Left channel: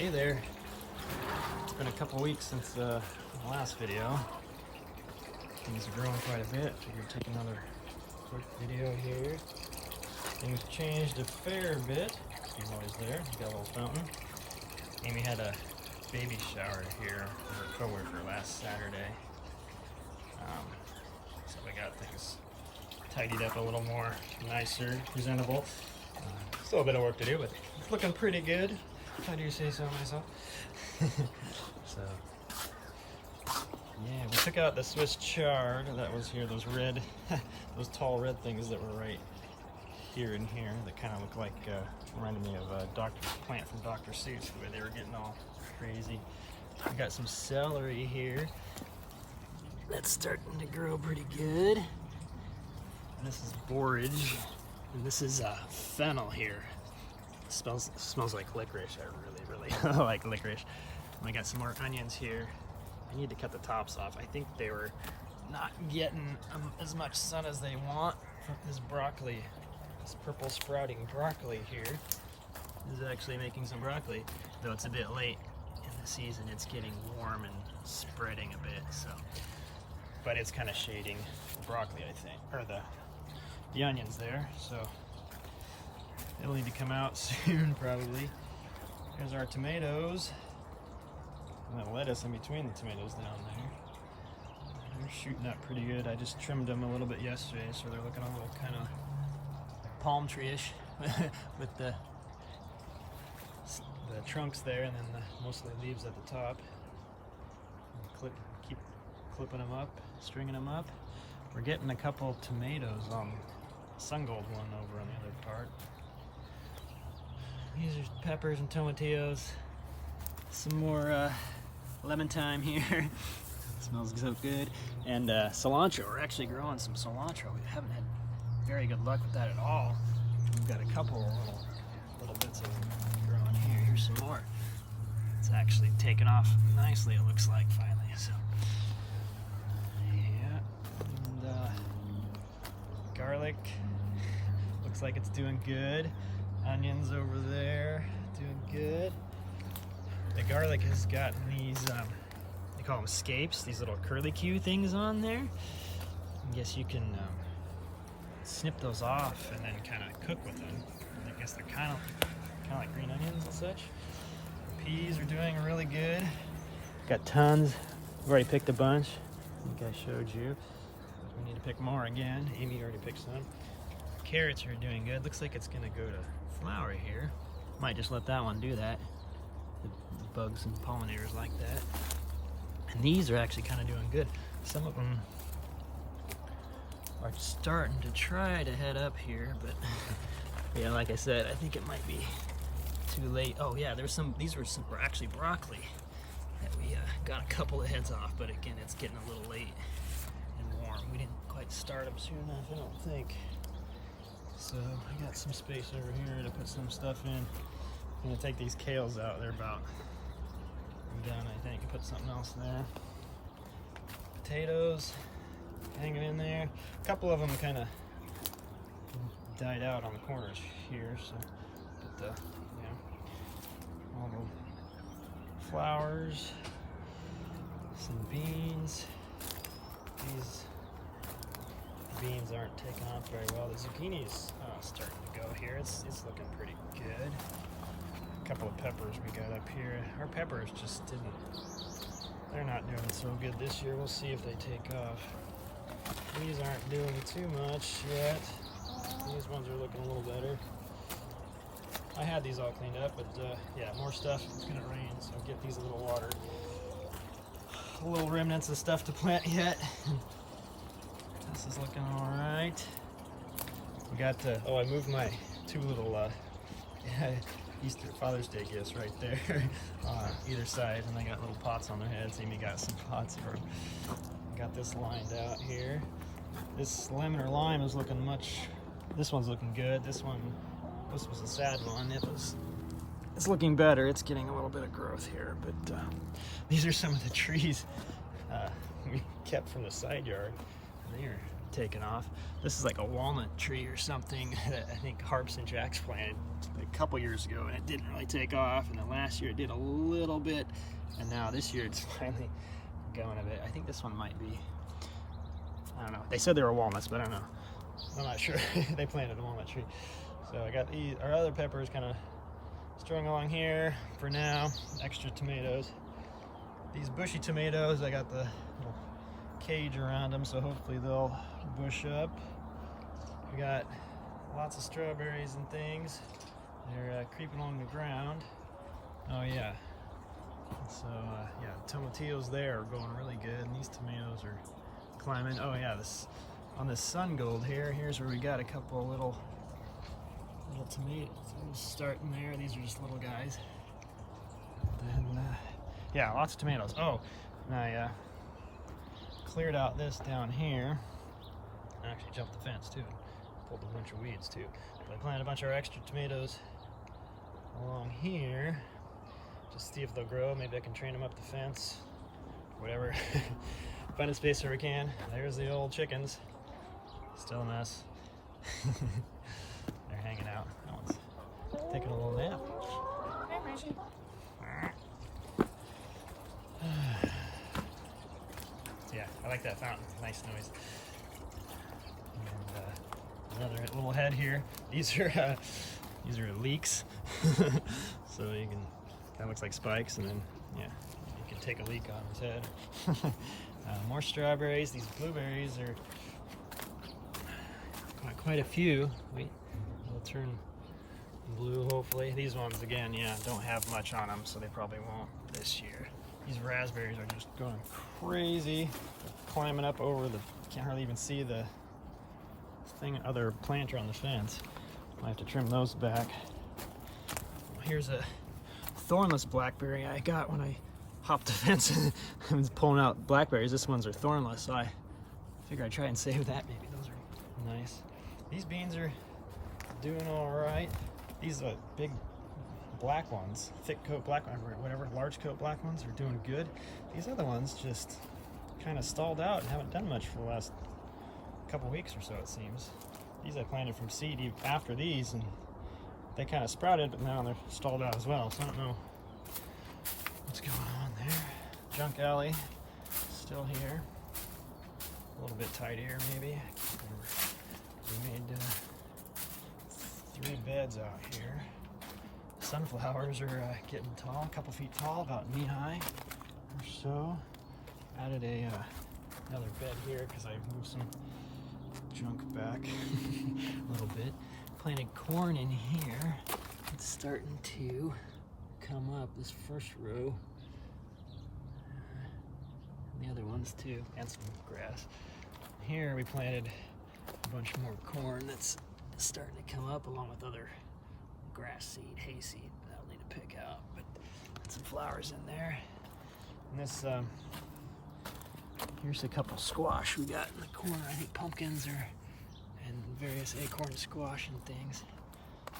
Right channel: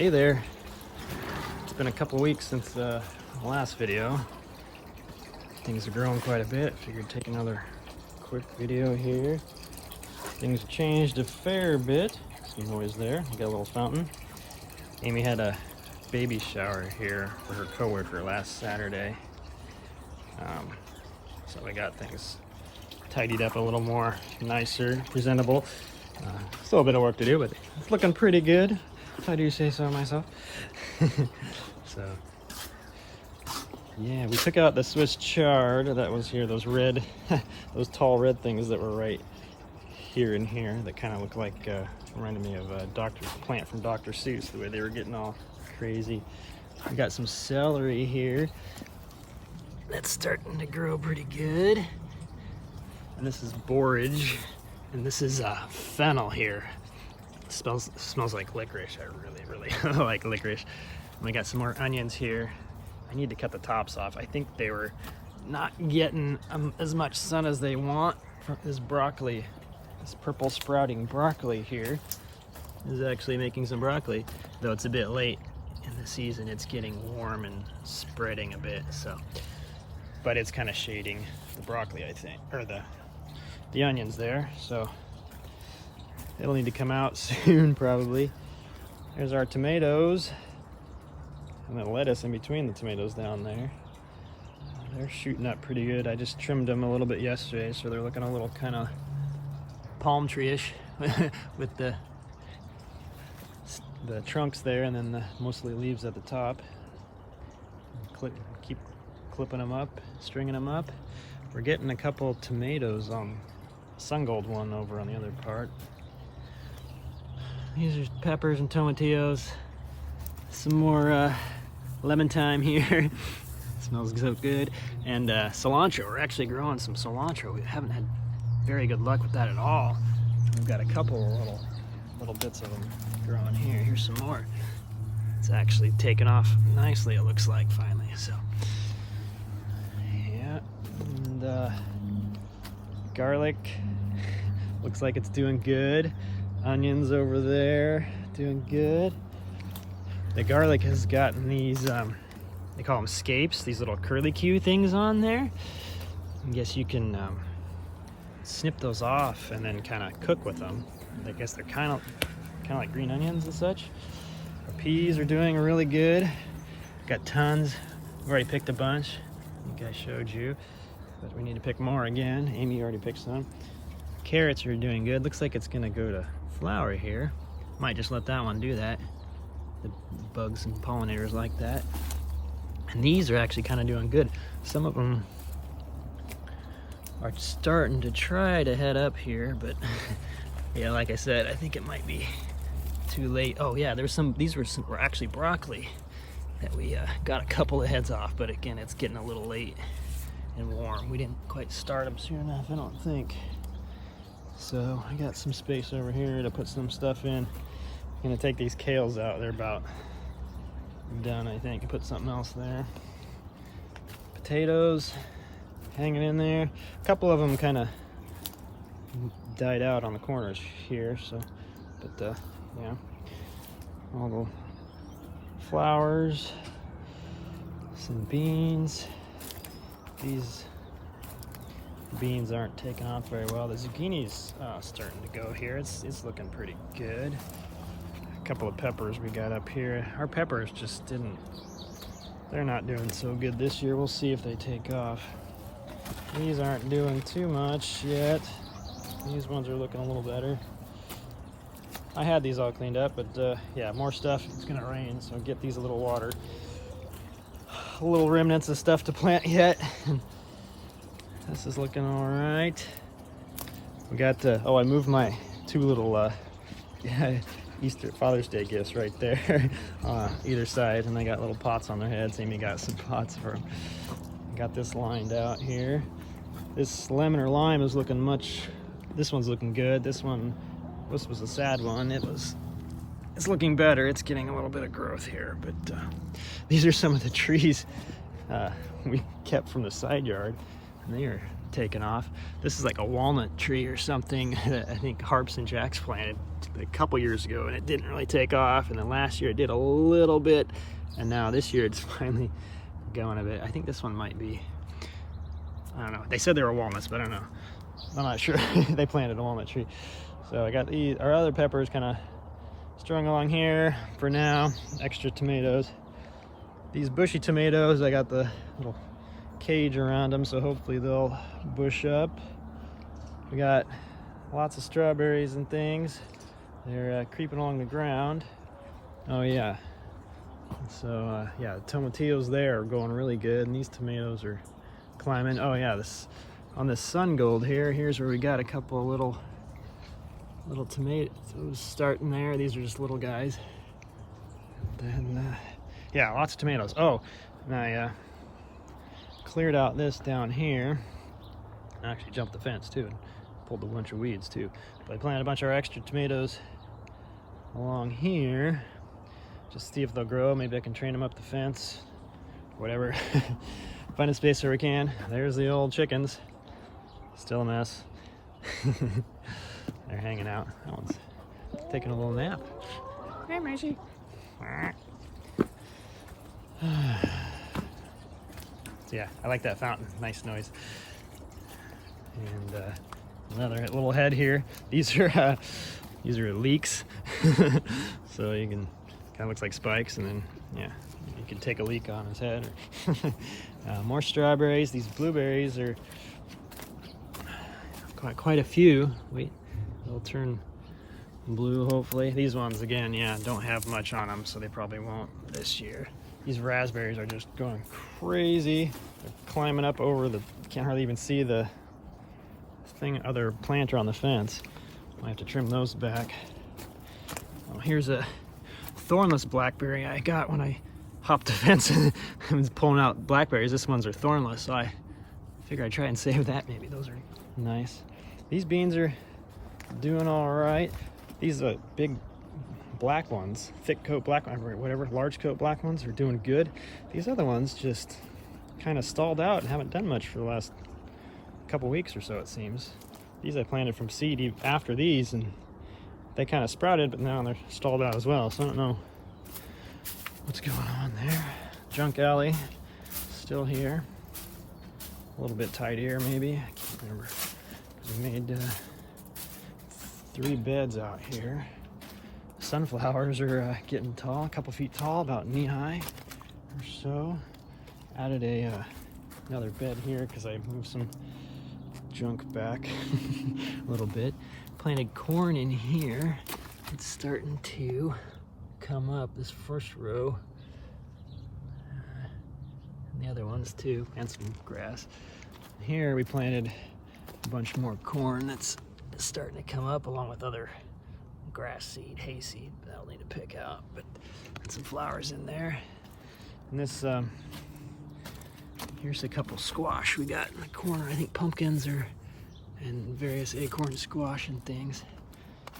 Hey there. It's been a couple weeks since the last video. Things are growing quite a bit. Figured take another quick video here. Things have changed a fair bit. See boys there. We got a little fountain. Amy had a baby shower here for her coworker last Saturday. So I got things tidied up a little more nicer, presentable. Still a bit of work to do, but it's looking pretty good, if I do say so myself. So yeah, we took out the Swiss chard that was here, those red, those tall red things that were right here and here that kind of look like, reminded me of a plant from Dr. Seuss, the way they were getting all crazy. We got some celery here. That's starting to grow pretty good. And this is borage, and this is fennel here. It smells like licorice. I really like licorice. And we got some more onions here. I need to cut the tops off. I think they were not getting as much sun as they want. This broccoli, this purple sprouting broccoli here is actually making some broccoli, though it's a bit late in the season. It's getting warm and spreading a bit, so. But it's kind of shading the broccoli, I think, or the onions there, so it'll need to come out soon probably. There's our tomatoes and the lettuce in between the tomatoes down there. They're shooting up pretty good. I just trimmed them a little bit yesterday, so they're looking a little kind of palm tree-ish with the trunks there, and then the mostly leaves at the top. Keep clipping them up, stringing them up. We're getting a couple tomatoes on Sun Gold one over on the other part. These are peppers and tomatillos. Some more lemon thyme here. Smells so good. And cilantro. We're actually growing some cilantro. We haven't had very good luck with that at all. We've got a couple little bits of them growing here. Here's some more. It's actually taken off nicely, it looks like, finally. So yeah, and garlic looks like it's doing good. Onions over there doing good. The garlic has gotten these they call them scapes, these little curlicue things on there. I guess you can snip those off and then kind of cook with them. I guess they're kind of like green onions and such. Our peas are doing really good. Got tons. We've already picked a bunch. I think I showed you, but we need to pick more again. Amy already picked some. Carrots are doing good. Looks like it's gonna go to flower here. Might just let that one do that. The bugs and pollinators like that. And these are actually kind of doing good. Some of them are starting to try to head up here, but yeah, like I said, I think it might be too late. Oh yeah, there's some. These were actually broccoli that we got a couple of heads off, but again, it's getting a little late and warm. We didn't quite start them soon enough, I don't think. So I got some space over here to put some stuff in. I'm gonna take these kales out. They're about done, I think. Put something else there. Potatoes hanging in there. A couple of them kind of died out on the corners here, so, but yeah, all the flowers, some beans. These beans aren't taking off very well. The zucchini's starting to go here. It's looking pretty good. A couple of peppers we got up here. Our peppers just they're not doing so good this year. We'll see if they take off. These aren't doing too much yet. These ones are looking a little better. I had these all cleaned up, but yeah, more stuff. It's gonna rain, so get these a little watered. Little remnants of stuff to plant yet. This is looking all right. We got oh, I moved my two little Easter Father's Day gifts right there either side, and they got little pots on their heads. Amy got some pots for them. Got this lined out here. This lemon or lime is looking this one's looking good. This was a sad one. It's looking better. It's getting a little bit of growth here, but these are some of the trees we kept from the side yard, and taken off. This is like a walnut tree or something that I think Harps and Jacks planted a couple years ago, and it didn't really take off. And then last year it did a little bit, and now this year it's finally going a bit. I think this one might be, I don't know. They said they were walnuts, but I don't know. I'm not sure. They planted a walnut tree. So I got these, our other peppers kind of strung along here for now. Extra tomatoes. These bushy tomatoes, I got the little cage around them, so hopefully they'll bush up. We got lots of strawberries and things. They're creeping along the ground. Oh yeah. So yeah, the tomatillos there are going really good, and these tomatoes are climbing. Oh yeah, this on this sun gold here. Here's where we got a couple of little tomatoes starting there. These are just little guys. And then yeah, lots of tomatoes. Oh, and I cleared out this down here. I actually jumped the fence too and pulled a bunch of weeds too. But I planted a bunch of extra tomatoes along here. Just see if they'll grow. Maybe I can train them up the fence. Whatever. Find a space where we can. There's the old chickens. Still a mess. They're hanging out. That one's taking a little nap. Hey, Macy. So yeah, I like that fountain. Nice noise. And another little head here. These are leeks. So you can, kind of looks like spikes, and then yeah, you can take a leek on his head. More strawberries. These blueberries are quite a few. Wait, they'll turn blue hopefully. These ones again, yeah, don't have much on them, so they probably won't this year. These raspberries are just going crazy. They're climbing up over the, can't hardly even see the other planter on the fence. I have to trim those back. Oh, here's a thornless blackberry I got when I hopped the fence and I was pulling out blackberries. This ones are thornless, so I figure I'd try and save that. Maybe those are nice. These beans are doing all right. These are big black ones, thick coat black, whatever, large coat black ones are doing good. These other ones just kind of stalled out and haven't done much for the last couple weeks or so, it seems. These I planted from seed after these, and they kind of sprouted, but now they're stalled out as well, so I don't know what's going on there. Junk alley still here, a little bit tidier maybe. I can't remember. I made 3 beds out here. Sunflowers are getting tall, a couple feet tall, about knee high or so. Added another bed here because I moved some junk back a little bit. Planted corn in here. It's starting to come up, this first row. And the other ones too, and some grass. Here we planted a bunch more corn that's starting to come up, along with other grass seed, hay seed that I'll need to pick out, but some flowers in there. And this here's a couple squash we got in the corner. I think pumpkins and various acorn squash and things.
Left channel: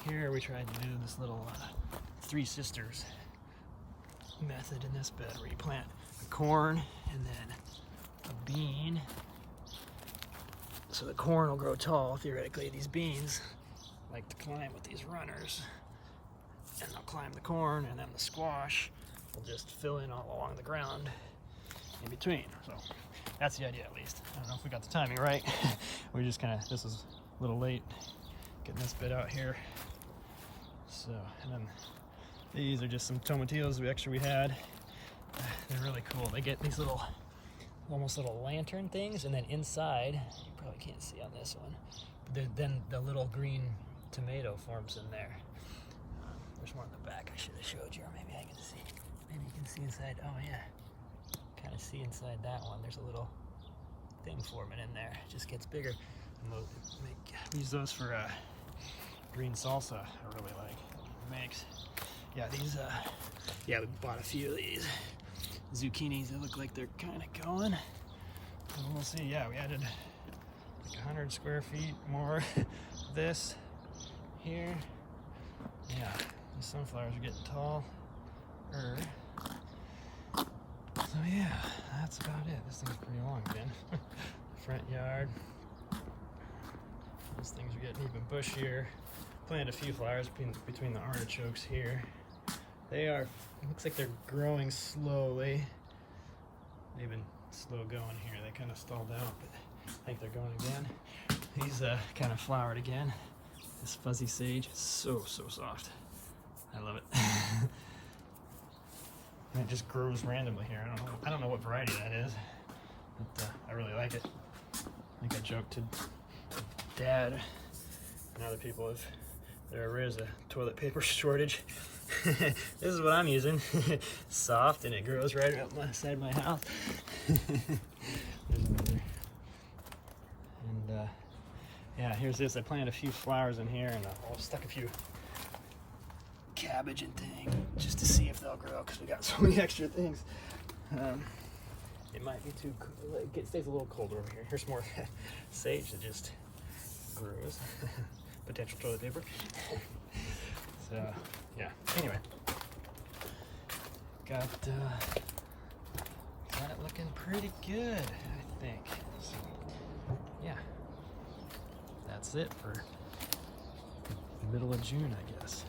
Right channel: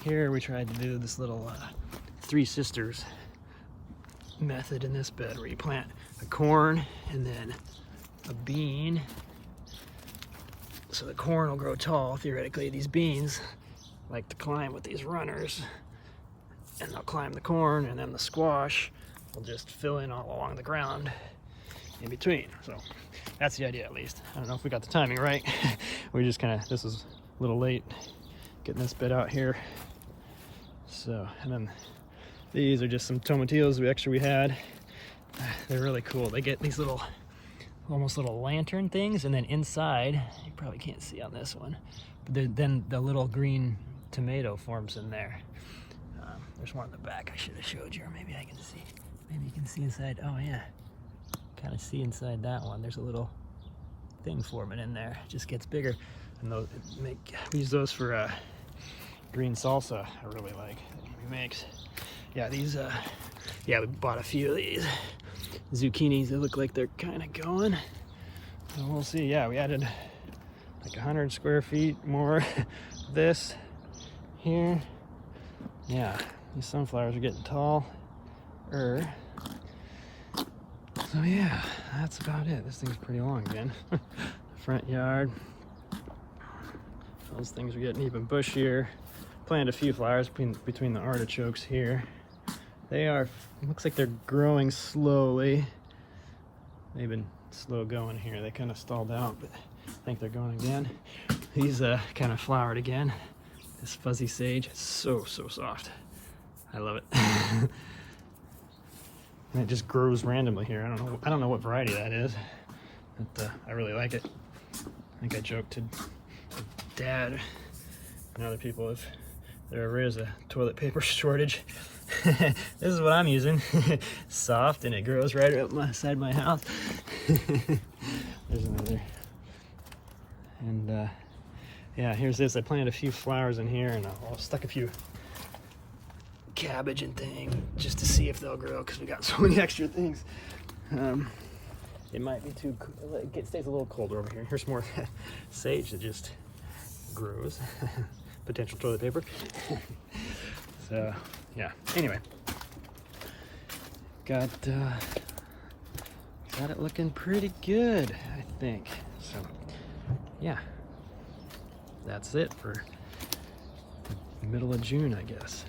Here we tried to do this little 3 sisters method in this bed, where you plant a corn and then a bean. So the corn will grow tall, theoretically. These beans like to climb with these runners, and they'll climb the corn, and then the squash will just fill in all along the ground in between. So that's the idea, at least. I don't know if we got the timing right. We just kind of, this was a little late getting this bed out here. So, and then these are just some tomatillos we had. They're really cool. They get these little, almost little lantern things, and then inside, you probably can't see on this one, but then the little green tomato forms in there. There's one in the back I should have showed you, or maybe I can see. Maybe you can see inside. Oh yeah, kind of see inside that one. There's a little thing forming in there. It just gets bigger, and those use those for green salsa. I really like he makes. Yeah, these. Yeah, we bought a few of these zucchinis. They look like they're kind of going. So we'll see. Yeah, we added like 100 square feet more this here. Yeah, these sunflowers are getting tall. So yeah, that's about it. This thing's pretty long again. Front yard. Those things are getting even bushier. Planted a few flowers between the artichokes here. They are, looks like they're growing slowly. They've been slow going here. They kind of stalled out, but I think they're going again. These kind of flowered again. This fuzzy sage, it's so soft. I love it. And it just grows randomly here. I don't know what variety that is, but I really like it. I think I joked to Dad and other people if there ever is a toilet paper shortage. This is what I'm using. Soft, and it grows right up beside my house. There's another. And yeah, here's this. I planted a few flowers in here, and I stuck a few cabbage and things just to see if they'll grow, because we got so many extra things. It might be too cool. It stays a little colder over here. Here's more sage that just grows. Potential toilet paper. So yeah, anyway, got it looking pretty good, I think. So yeah, that's it for the middle of June, I guess.